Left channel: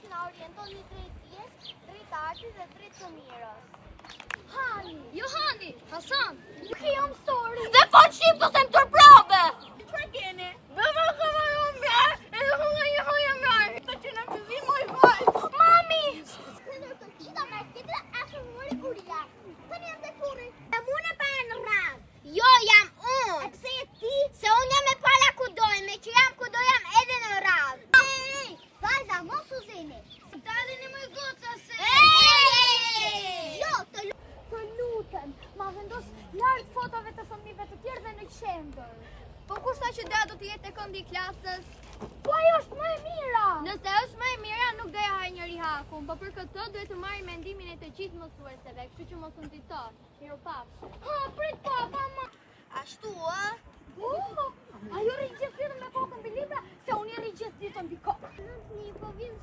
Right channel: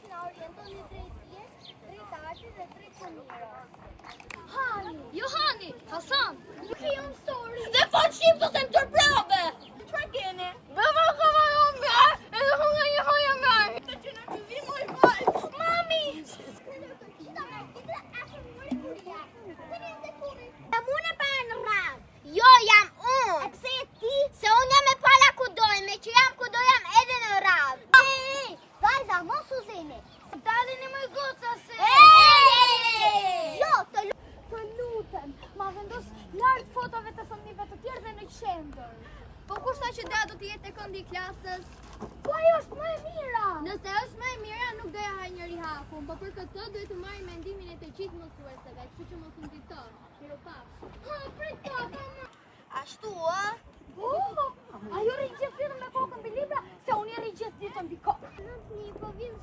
që na orientoni drejt dijes, drejt artit dhe drejt të mirës. Hani, Johani, Hasan. Nuk i jam sorry. Dhe fal shqip të sem tërprave. Çfarë keni? Dhe fal kameron vje, edhe ku nga një hoja vej. Të që në këzim oj vaj. Mami! Në të qita me këtë asë mëri buria. Të një të kuri. E mune pa e në radhë. Jo, jam unë. E pse e ti? Se unë jam e pala ku dojnë, me që jam ku do jam edhe në radhë. Ej, vajza, mos u zeni. Dalini më goca se. Jo, Të lutem, ma vendos lartë fotove të fëmijëve të tjerë dhe në qendër. Po kushta që da do të jetë e këndi i klasës? Po ajo është më e mira. Nëse është më e mira, nuk do ja haj njëri hakun, po për këtë duhet të marrim mendimin e të gjithë mësuesve, kështu që mos u nxiton. Mirupafshi. Ha, prit pa, mama. Ashtu ë? Ajo rri gjithë ditën me kokën mbi libra, se unë rri gjithë ditën mbi kokë. Nëntëni, po vjen